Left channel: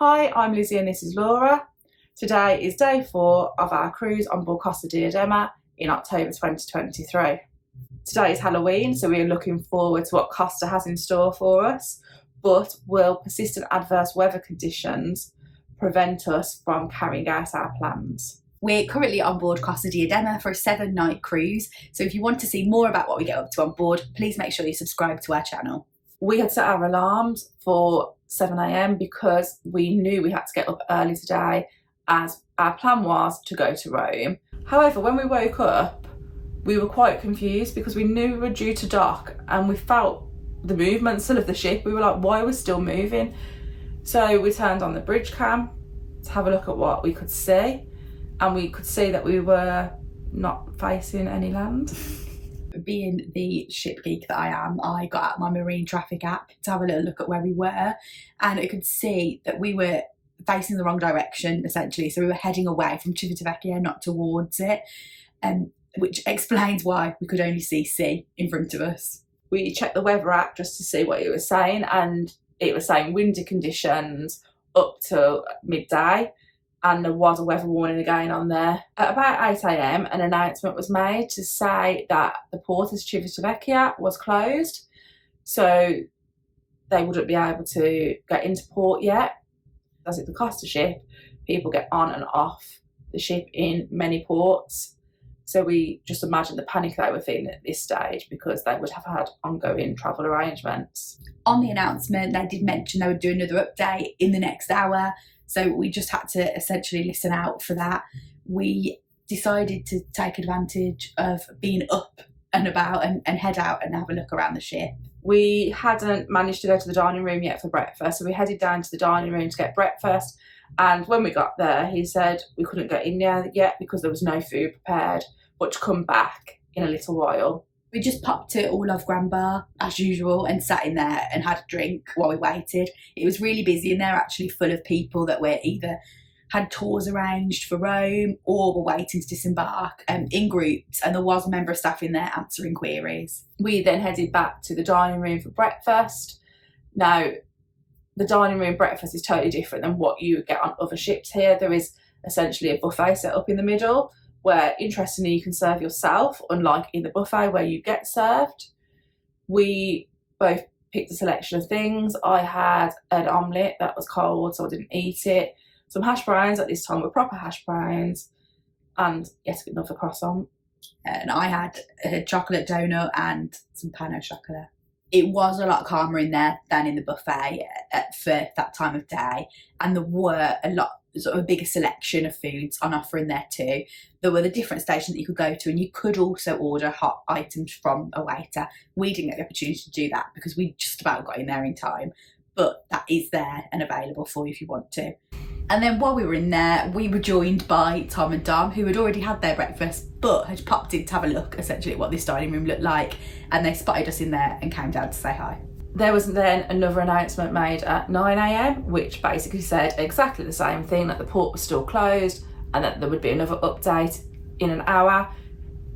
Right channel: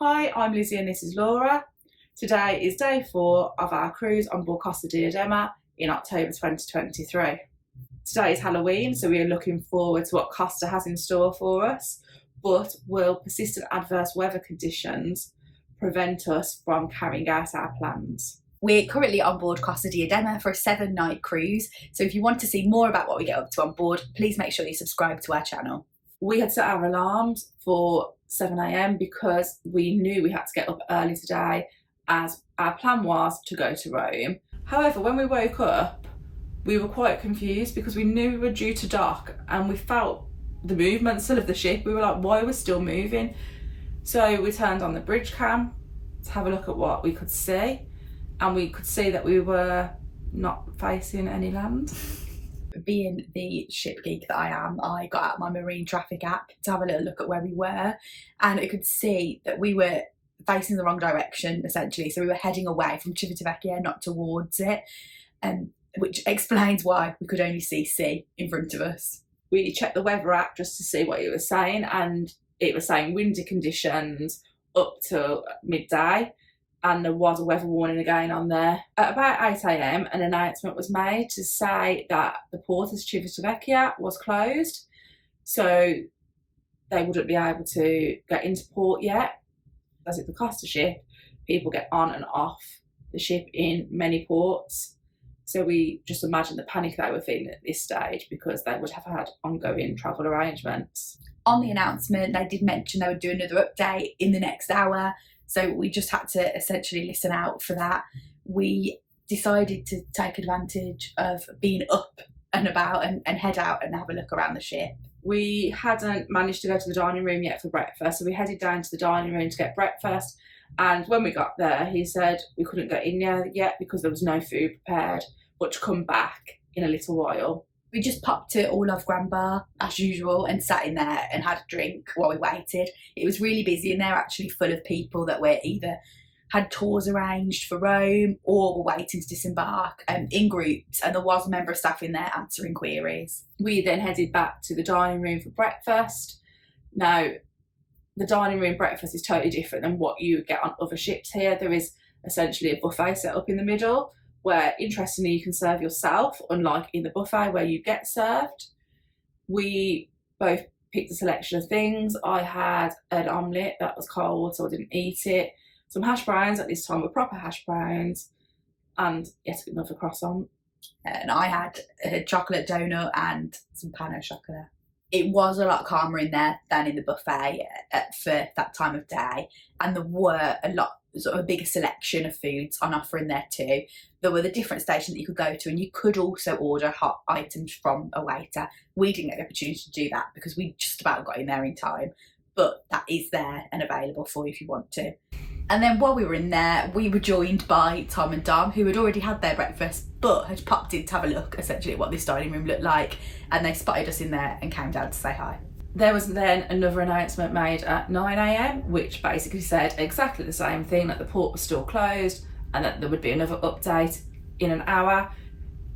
Hi, I'm Lizzie and this is Laura. Today is day 4 of our cruise on board Costa Diadema in October 2023. Today is Halloween, so we are looking forward to what Costa has in store for us, but will persistent adverse weather conditions prevent us from carrying out our plans? We're currently on board Costa Diadema for a 7-night cruise, so if you want to see more about what we get up to on board, please make sure you subscribe to our channel. We had set our alarms for 7 a.m. because we knew we had to get up early today, as our plan was to go to Rome. However, when we woke up, we were quite confused because we knew we were due to dock and we felt the movement still of the ship. We were like, why are we still moving? So we turned on the bridge cam to have a look at what we could see, and we could see that we were not facing any land. Being the ship geek that I am, I got out my marine traffic app to have a little look at where we were, and I could see that we were facing the wrong direction essentially. So we were heading away from Civitavecchia, not towards it, which explains why we could only see sea in front of us. We checked the weather app just to see what it was saying, and it was saying windy conditions up till midday, and there was a weather warning again on there. At about 8 a.m, an announcement was made to say that the port of Civitavecchia was closed, so they wouldn't be able to get into port yet. As it's a Costa ship, people get on and off the ship in many ports, so we just imagine the panic they were feeling at this stage because they would have had ongoing travel arrangements. On the announcement, they did mention they would do another update in the next hour, so we just had to essentially listen out for that. We decided to take advantage of being up and about and head out and have a look around the ship. We hadn't managed to go to the dining room yet for breakfast, so we headed down to the dining room to get breakfast, and when we got there he said we couldn't go in there yet because there was no food prepared, but to come back in a little while. We just popped to All of Grand Bar as usual and sat in there and had a drink while we waited. It was really busy in there, actually full of people that were either had tours arranged for Rome or were waiting to disembark in groups, and there was a member of staff in there answering queries. We then headed back to the dining room for breakfast. Now, the dining room breakfast is totally different than what you would get on other ships here. There is essentially a buffet set up in the middle where, interestingly, you can serve yourself, unlike in the buffet where you get served. We both picked a selection of things. I had an omelette that was cold, so I didn't eat it. Some hash browns, at this time were proper hash browns, and yet another croissant. And I had a chocolate donut and some pain au chocolat. It was a lot calmer in there than in the buffet for that time of day, and there were a bigger selection of foods on offer in there too. There were the different stations that you could go to, and you could also order hot items from a waiter. We didn't get the opportunity to do that because we just about got in there in time, but that is there and available for you if you want to. And then while we were in there, we were joined by Tom and Dom, who had already had their breakfast but had popped in to have a look essentially at what this dining room looked like, and they spotted us in there and came down to say hi. There was then another announcement made at 9 a.m, which basically said exactly the same thing, that the port was still closed and that there would be another update in an hour.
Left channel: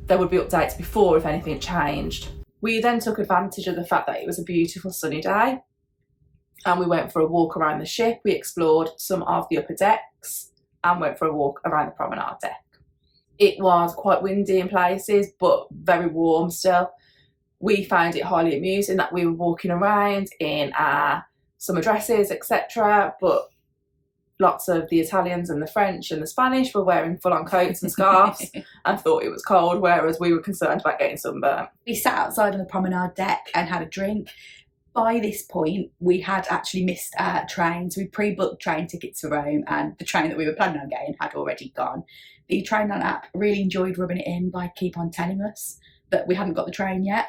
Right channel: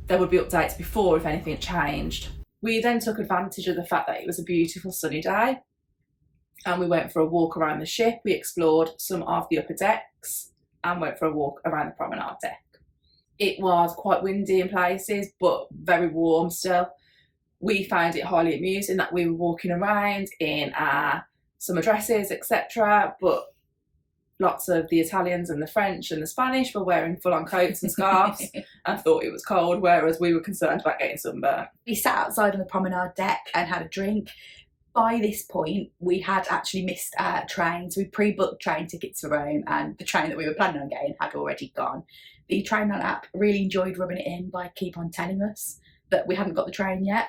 There would be updates before if anything changed. We then took advantage of the fact that it was a beautiful sunny day, and we went for a walk around the ship. We explored some of the upper decks and went for a walk around the promenade deck. It was quite windy in places, but very warm still. We found it highly amusing that we were walking around in our summer dresses, etc., but lots of the Italians and the French and the Spanish were wearing full-on coats and scarves and thought it was cold, whereas we were concerned about getting sunburnt. We sat outside on the promenade deck and had a drink. By this point, we had actually missed our train, so we pre-booked train tickets for Rome, and the train that we were planning on getting had already gone. The Trainline app really enjoyed rubbing it in by keep on telling us that we hadn't got the train yet,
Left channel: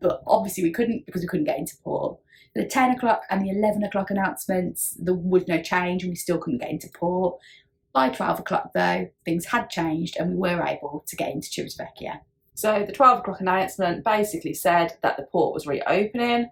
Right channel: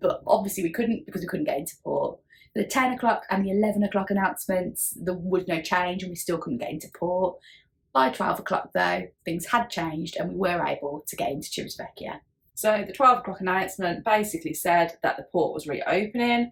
but obviously we couldn't because we couldn't get into port. The 10 o'clock and the 11 o'clock announcements, there was no change and we still couldn't get into port. By 12 o'clock though, things had changed and we were able to get into Civitavecchia. So the 12 o'clock announcement basically said that the port was reopening,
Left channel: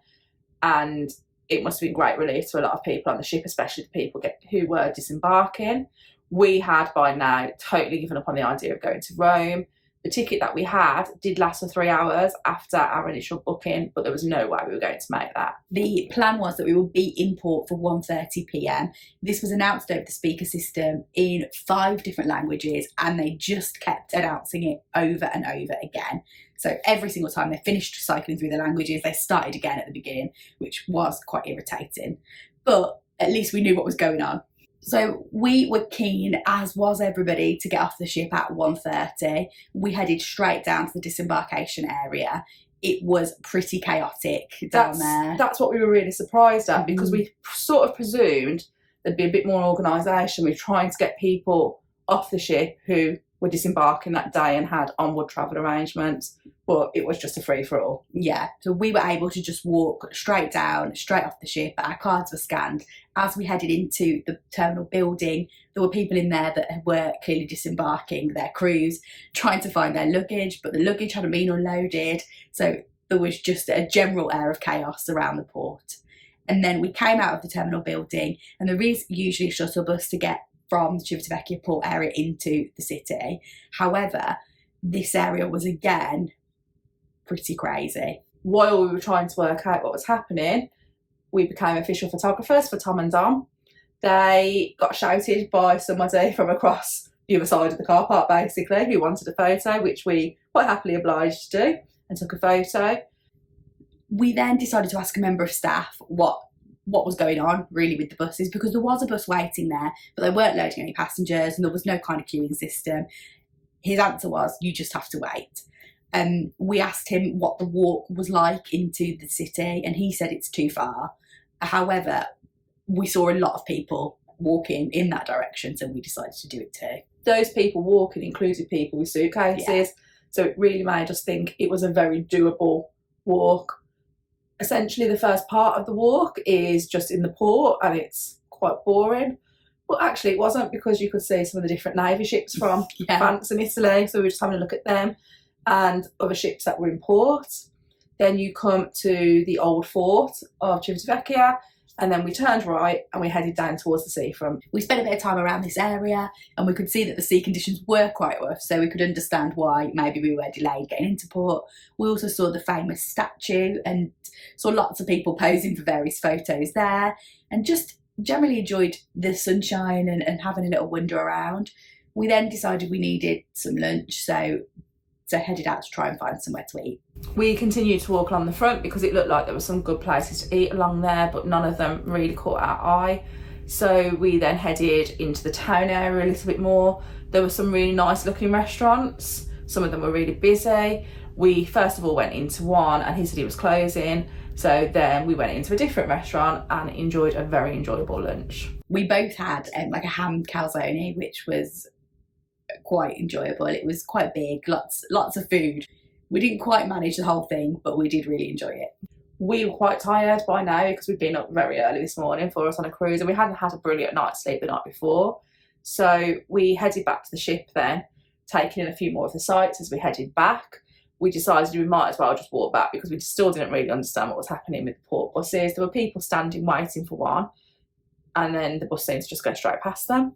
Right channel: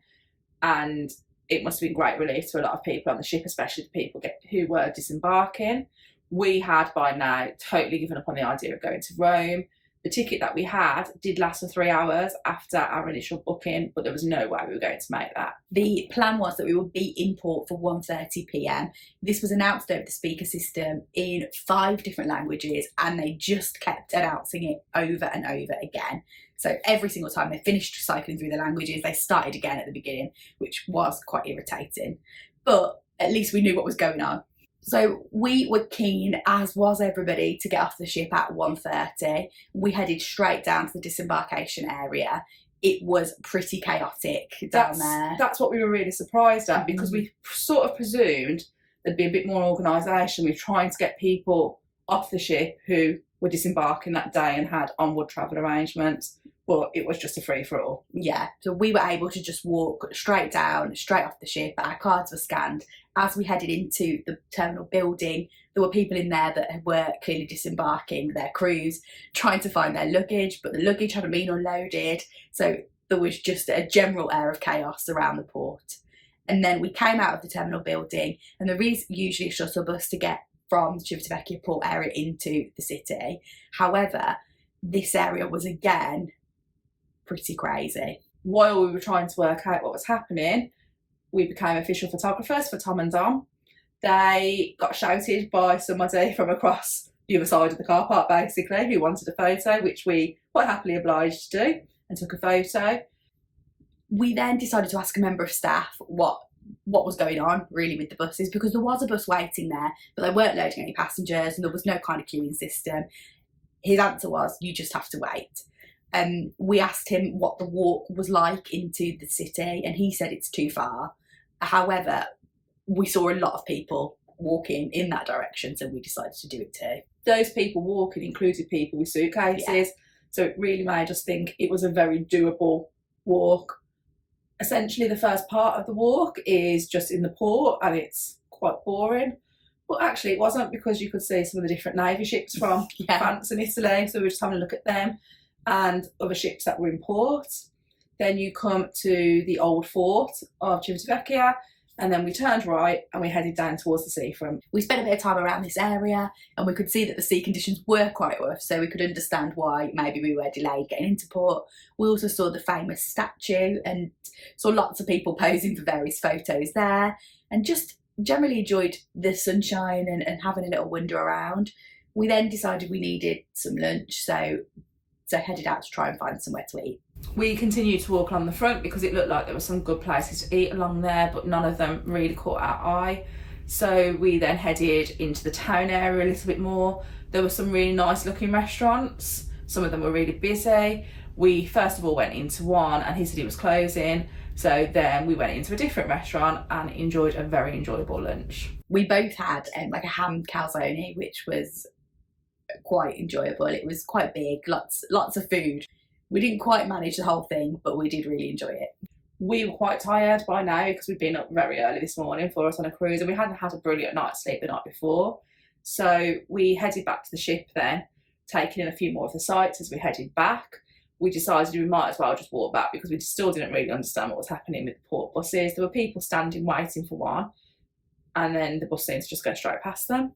and it must have been great relief to a lot of people on the ship, especially the people who were disembarking. We had by now totally given up on the idea of going to Rome. The ticket that we had did last for 3 hours after our initial booking, but there was no way we were going to make that. The plan was that we would be in port for 1:30 p.m. This was announced over the speaker system in 5 different languages, and they just kept announcing it over and over again. So every single time they finished cycling through the languages, they started again at the beginning, which was quite irritating. But at least we knew what was going on. So we were keen, as was everybody, to get off the ship at 1:30. We headed straight down to the disembarkation area. It was pretty chaotic down there. That's what we were really surprised at, because we sort of presumed there'd be a bit more organisation. We were trying to get people off the ship who were disembarking that day and had onward travel arrangements, but it was just a free-for-all. Yeah, so we were able to just walk straight down, straight off the ship. Our cards were scanned. As we headed into the terminal building, there were people in there that were clearly disembarking their crews, trying to find their luggage, but the luggage hadn't been unloaded, so there was just a general air of chaos around the port. And then we came out of the terminal building, and there is usually a shuttle bus to get from the Civitavecchia port area into the city. However, this area was again pretty crazy. While we were trying to work out what was happening, we became official photographers for Tom and Dom. They got shouted by somebody from across the other side of the car park, basically, who wanted a photo, which we quite happily obliged to do and took a photo. We then decided to ask a member of staff what was going on really with the buses, because there was a bus waiting there, but they weren't loading any passengers and there was no kind of queuing system. His answer was, you just have to wait. We asked him what the walk was like into the city, and he said it's too far. However, we saw a lot of people walking in that direction, so we decided to do it too. Those people walking included people with suitcases, so it really made us think it was a very doable walk. Essentially, the first part of the walk is just in the port, and it's quite boring. But actually, it wasn't, because you could see some of the different navy ships from France and Italy, so we were just having a look at them, and other ships that were in port. Then you come to the old fort of Civitavecchia, and then we turned right and we headed down towards the seafront. We spent a bit of time around this area, and we could see that the sea conditions were quite rough, so we could understand why maybe we were delayed getting into port. We also saw the famous statue and saw lots of people posing for various photos there, and just generally enjoyed the sunshine and having a little wander around. We then decided we needed some lunch, so headed out to try and find somewhere to eat. We continued to walk along the front because it looked like there were some good places to eat along there, but none of them really caught our eye. So we then headed into the town area a little bit more. There were some really nice looking restaurants. Some of them were really busy. We first of all went into one and he said he was closing. So then we went into a different restaurant and enjoyed a very enjoyable lunch. We both had like a ham calzone, which was quite enjoyable. It was quite big, lots of food. We didn't quite manage the whole thing, but we did really enjoy it. We were quite tired by now because we'd been up very early this morning for us on a cruise, and we hadn't had a brilliant night's sleep the night before. So we headed back to the ship then, taking in a few more of the sights as we headed back. We decided we might as well just walk back because we still didn't really understand what was happening with the port buses. There were people standing waiting for one, and then the bus seemed to just go straight past them.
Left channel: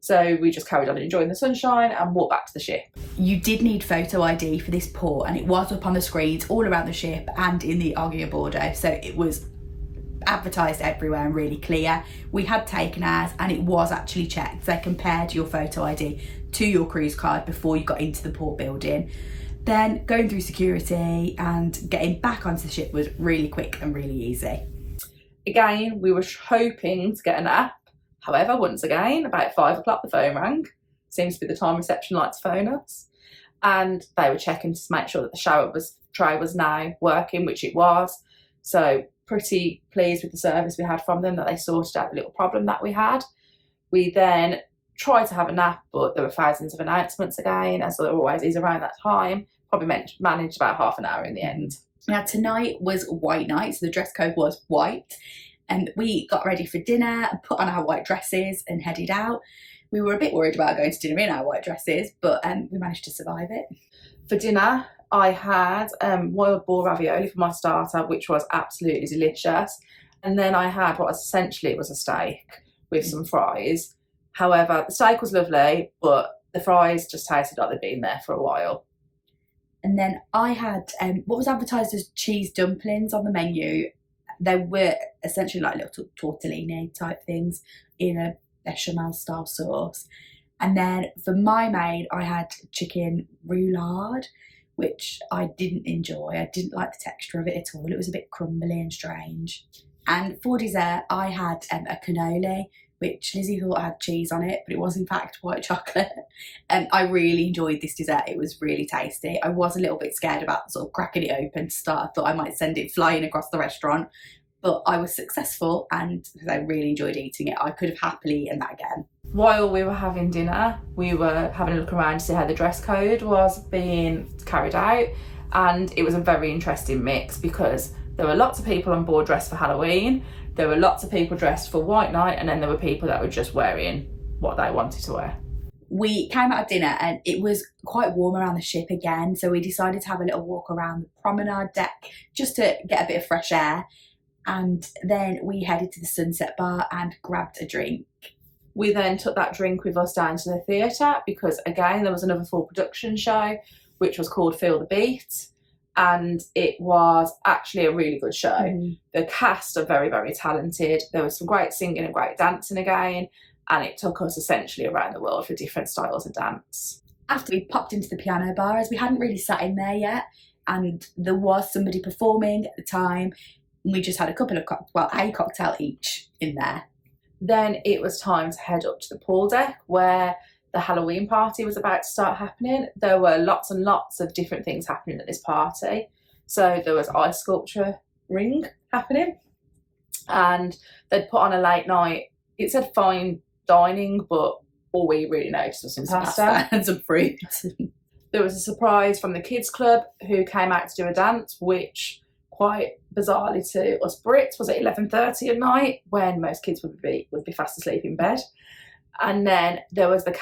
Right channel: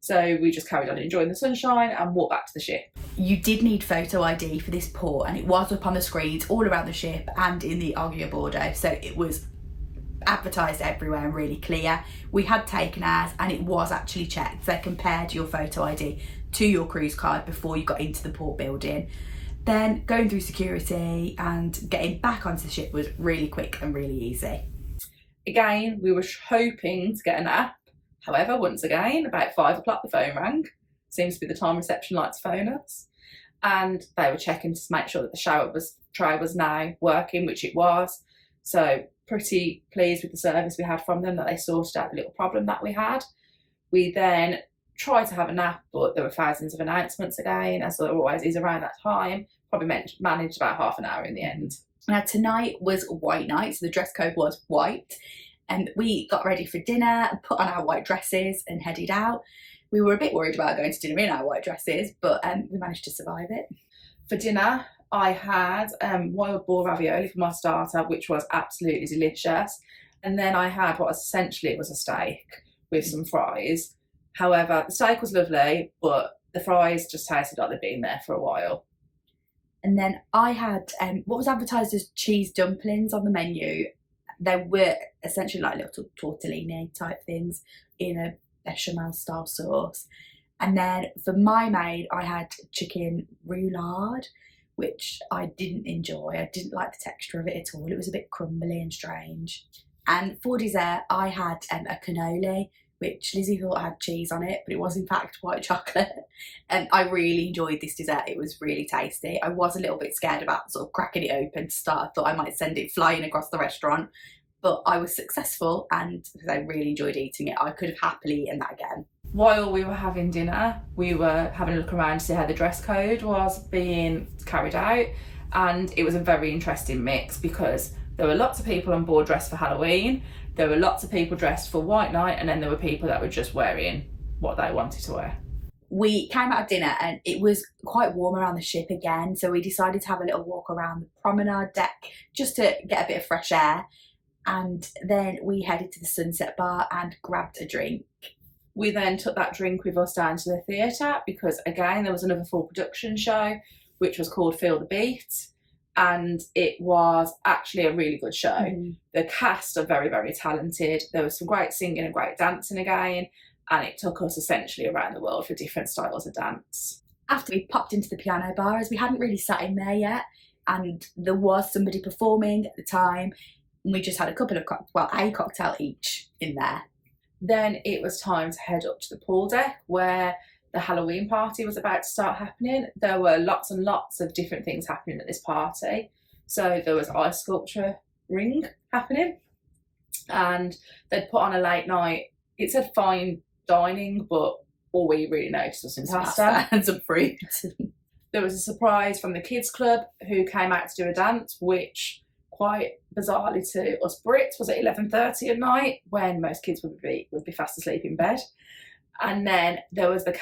So we just carried on enjoying the sunshine and walked back to the ship. You did need photo ID for this port, and it was up on the screens all around the ship and in the Aggia Bordo, so it was advertised everywhere and really clear. We had taken ours and it was actually checked. They compared your photo ID to your cruise card before you got into the port building. Then going through security and getting back onto the ship was really quick and really easy. Again, we were hoping to get a nap. However, once again, about 5 o'clock the phone rang. Seems to be the time reception likes to phone us. And they were checking to make sure that the shower tray was now working, which it was. So pretty pleased with the service we had from them, that they sorted out the little problem that we had. We then tried to have a nap, but there were thousands of announcements again, as there always is around that time. Probably managed about half an hour in the end. Now tonight was white night, so the dress code was white. And we got ready for dinner, put on our white dresses and headed out. We were a bit worried about going to dinner in our white dresses, but we managed to survive it. For dinner, I had wild boar ravioli for my starter, which was absolutely delicious. And then I had what essentially was a steak with some fries. However, the steak was lovely, but The fries just tasted like they'd been there for a while. And then I had what was advertised as cheese dumplings on the menu. They were essentially like little tortellini type things in a bechamel style sauce. And then for my maid, I had chicken roulade, which I didn't enjoy. I didn't like the texture of it at all. It was a bit crumbly and strange. And for dessert, I had a cannoli, which Lizzie thought had cheese on it, but it was in fact white chocolate. And I really enjoyed this dessert. It was really tasty. I was a little bit scared about sort of cracking it open to start. I thought I might send it flying across the restaurant, but I was successful and I really enjoyed eating it. I could have happily eaten that again. While we were having dinner, we were having a look around to see how the dress code was being carried out, and it was a very interesting mix because there were lots of people on board dressed for Halloween, there were lots of people dressed for White Night, and then there were people that were just wearing what they wanted to wear. We came out of dinner and it was quite warm around the ship again, so we decided to have a little walk around the promenade deck just to get a bit of fresh air, and then we headed to the Sunset Bar and grabbed a drink. We then took that drink with us down to the theatre because, again, there was another full production show which was called Feel the Beat, and it was actually a really good show. The cast are very, very talented. There was some great singing and great dancing again, and it took us essentially around the world for different styles of dance. After we popped into the piano bar, as we hadn't really sat in there yet, and there was somebody performing at the time, and we just had a cocktail each in there. Then it was time to head up to the pool deck where the Halloween party was about to start happening. There were lots and lots of different things happening at this party. So there was ice sculpture ring happening, and they'd put on a late night, it said fine dining, but all we really noticed was some pasta and some fruit. There was a surprise from the kids club who came out to do a dance, which quite bizarrely to us Brits was at 11:30 at night when most kids would be fast asleep in bed. And then there was the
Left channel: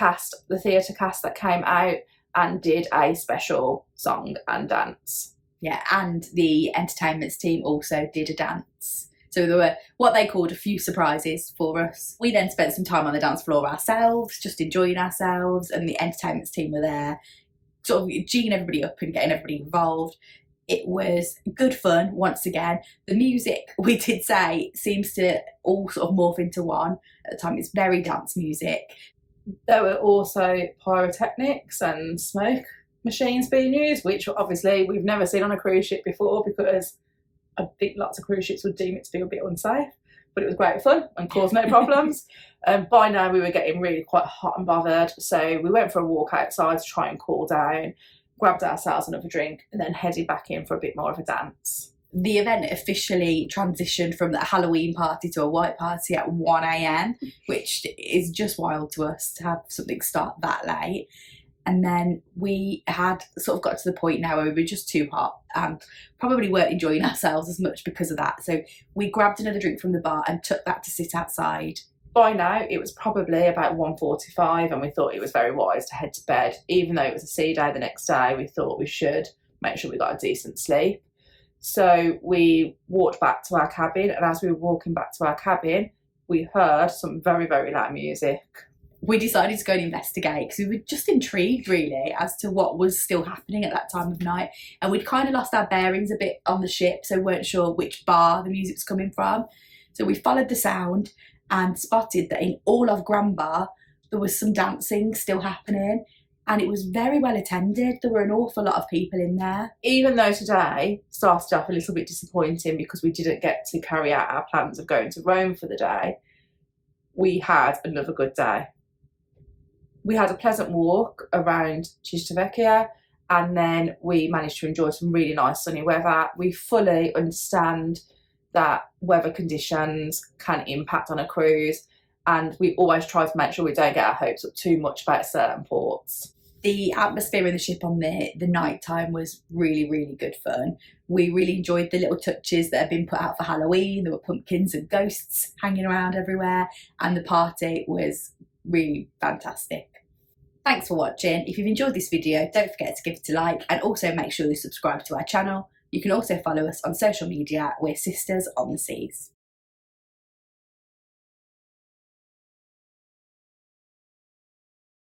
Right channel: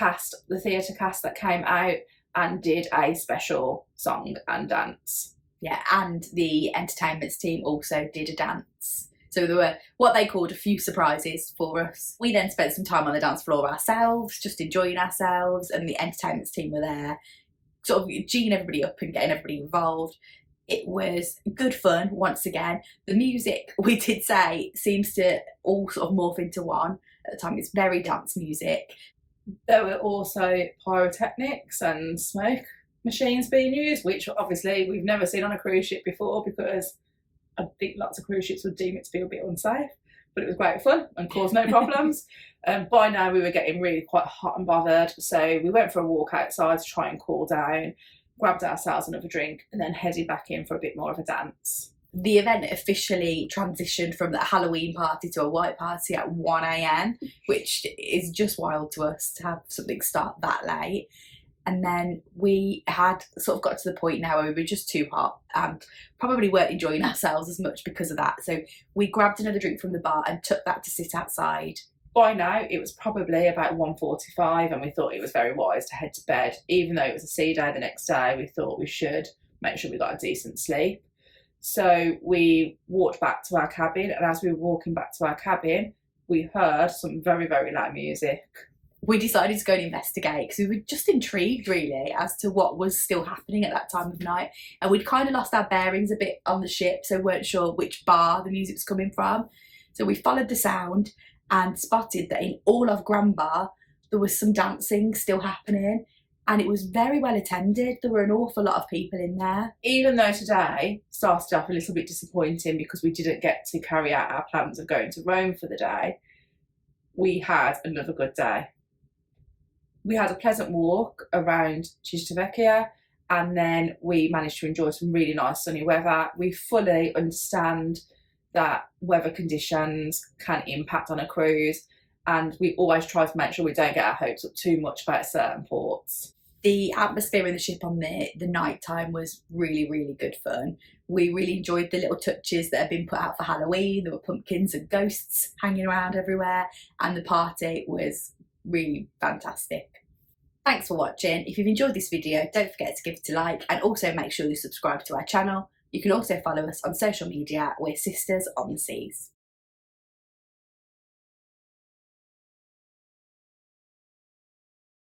theatre cast that came out and did a special song and dance. Yeah, and the entertainments team also did a dance. So there were what they called a few surprises for us. We then spent some time on the dance floor ourselves, just enjoying ourselves, and the entertainments team were there, sort of geeing everybody up and getting everybody involved. It was good fun once again. The music, we did say, seems to all sort of morph into one at the time. It's very dance music. There were also pyrotechnics and smoke machines being used, which obviously we've never seen on a cruise ship before because I think lots of cruise ships would deem it to be a bit unsafe. But it was great fun and caused no problems. By now we were getting really quite hot and bothered, so we went for a walk outside to try and cool down, grabbed ourselves another drink, and then headed back in for a bit more of a dance. The event officially transitioned from the Halloween party to a white party at 1 a.m, which is just wild to us to have something start that late. And then we had sort of got to the point now where we were just too hot and probably weren't enjoying ourselves as much because of that. So we grabbed another drink from the bar and took that to sit outside. By now, it was probably about 1:45 and we thought it was very wise to head to bed. Even though it was a sea day the next day, we thought we should make sure we got a decent sleep. So we walked back to our cabin, and as we were walking back to our cabin, we heard some very, very loud music. We decided to go and investigate because we were just intrigued really as to what was still happening at that time of night, and we'd kind of lost our bearings a bit on the ship, so weren't sure which bar the music was coming from. So we followed the sound and spotted that in all of Grand Bar there was some dancing still happening, and it was very well attended. There were an awful lot of people in there. Even though today started off a little bit disappointing because we didn't get to carry out our plans of going to Rome for the day, we had another good day. We had a pleasant walk around Civitavecchia, and then we managed to enjoy some really nice sunny weather. We fully understand that weather conditions can impact on a cruise, and we always try to make sure we don't get our hopes up too much about certain ports. The atmosphere in the ship on the night time was really, really good fun. We really enjoyed the little touches that had been put out for Halloween. There were pumpkins and ghosts hanging around everywhere, and the party was really fantastic. Thanks for watching. If you've enjoyed this video, don't forget to give it a like, and also make sure you subscribe to our channel. You can also follow us on social media. We're Sisters on the Seas.